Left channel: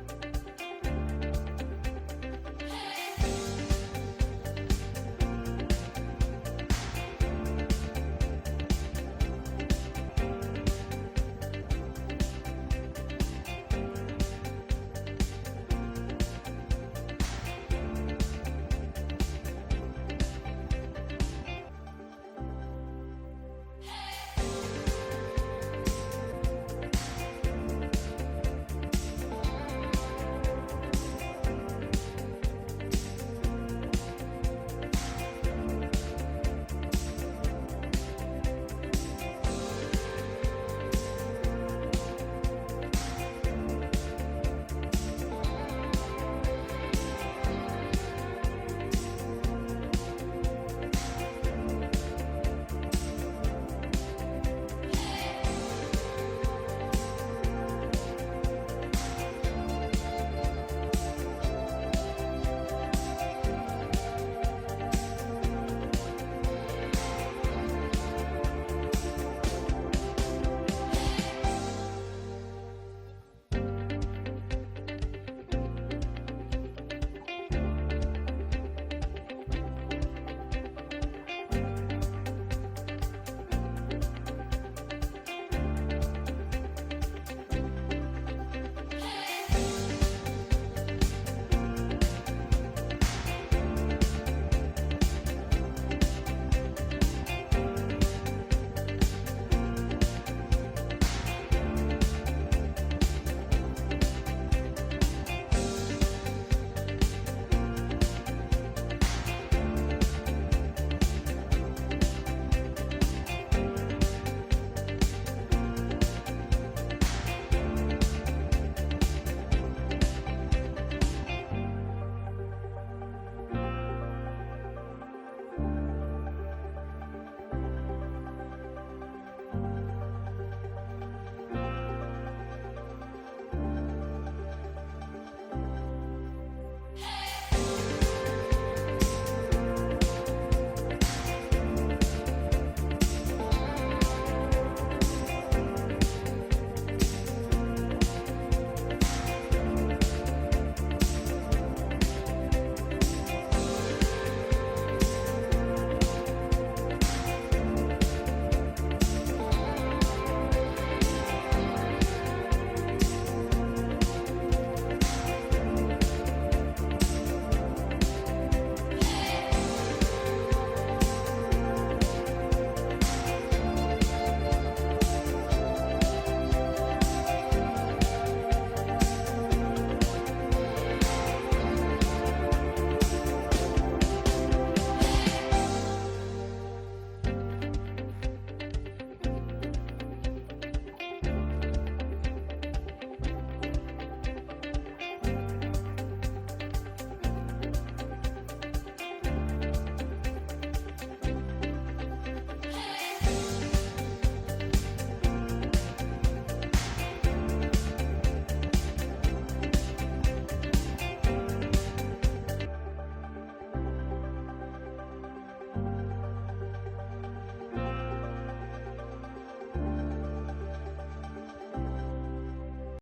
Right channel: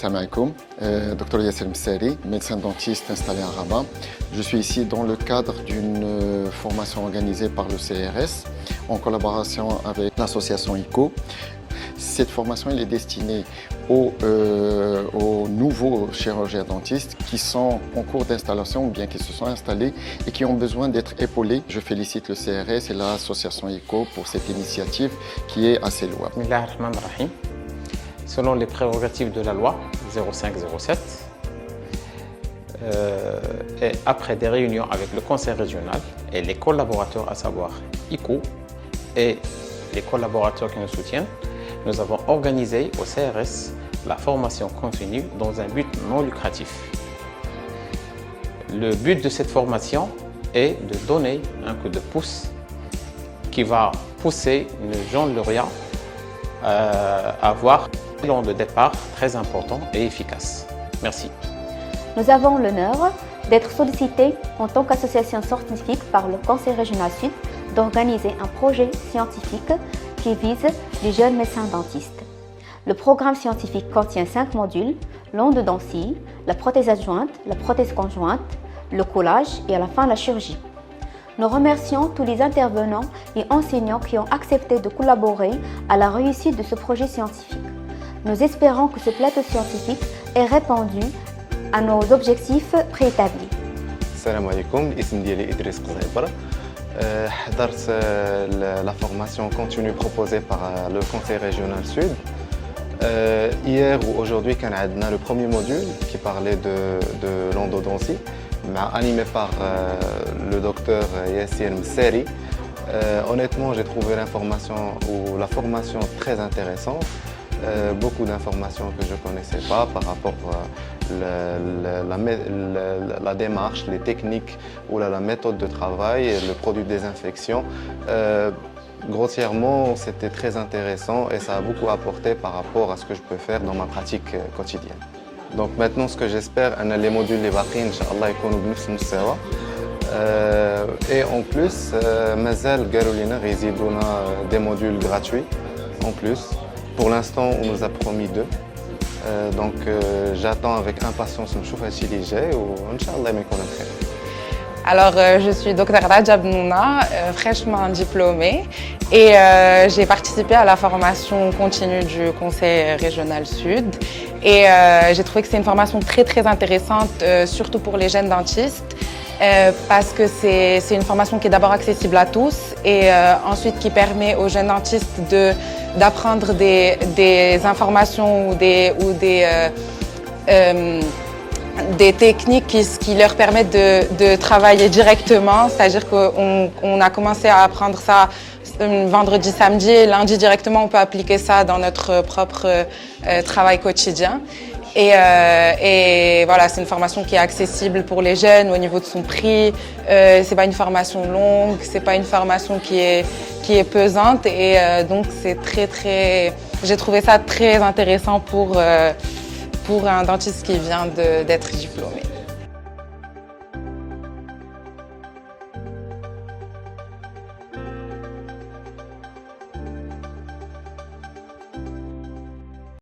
Salam alaikum, Dr Yasser Msari, médecin dentiste installé à Rabat. Je suis ici dans le cadre d'une formation organisée par le CRS en collaboration avec l'association ICO. Cette formation est destinée aux nouveaux chirurgiens dentistes qui sont en cours d'installation ou bien qui se sont installés et qui ont besoin d'être épaulés. Je félicite le CRS et l'association ICO pour cette initiative qui est assez louable. Bismillahirrahmanirrahim. Selon les prérogatives de la loi 0507, et après des réunions avec le conseil régional et les collaborateurs, à savoir ICO et les collaborateurs qui nous soutiennent, nous avons organisé au CRS la formation continue dans un but non lucratif. Le but de cette formation est de donner un coup de pouce qui va pousser le jeune lauréat à avoir un plan de départ très important et efficace. Merci. Nous avons l'honneur d'être sollicités en tant qu'association scientifique par le Conseil régional Sud d'organiser un projet scientifique qui vise les jeunes médecins dentistes. Le programme scientifique contient 5 modules, l'endodontie, la prothèse adjointe, la prothèse conjointe, le collage et à la fin la chirurgie. Nous remercions tous les intervenants et enseignants qui ont accepté de collaborer à la réussite de ce projet scientifique. Nous espérons que ce plateau scientifique ait répondu à nos objectifs préétablis. Salam alaikum, ism diali Idriss Qzaibar. حضرت la formation continue proposée par le Conseil régional Sud. Hier ou aujourd'hui, on a le premier module qui parlait de l'endodontie, animé par le docteur Yasser Msari. Honnêtement, j'ai trouvé la formation très intéressante. Beaucoup d'informations que je ne connaissais pas par rapport à la démarche, les techniques ou la méthode de travail, le produit de désinfection. Grossièrement, c'était très intéressant et ça a beaucoup apporté par rapport à ce que je peux faire dans ma pratique quotidienne. Donc maintenant, ce que j'espère, les modules les baqin, Inch'Allah, يكونوا بنفس المستوى. Et en plus, مازال قالوا لنا غيزيدونا des modules gratuits en plus. Pour l'instant, on nous a promis 2. Donc j'attends avec impatience نشوف هادشي اللي جاي وان شاء الله ما يكون خير. Alors, je suis Dr Radja Bnouna, fraîchement diplômée et j'ai participé à la formation continue du Conseil régional Sud et j'ai trouvé que c'est une formation très intéressante, surtout pour les jeunes dentistes parce que c'est une formation qui est d'abord accessible à tous et ensuite qui permet aux jeunes dentistes d'apprendre des informations ou des techniques qui leur permettent de travailler directement, c'est-à-dire qu'on a commencé à apprendre ça vendredi, samedi et lundi directement on peut appliquer ça dans notre propre travail quotidien. Et voilà, c'est une formation qui est accessible pour les jeunes au niveau de son prix. C'est pas une formation longue, c'est pas une formation qui est pesante et donc c'est j'ai trouvé ça très intéressant pour un dentiste qui vient d'être diplômé.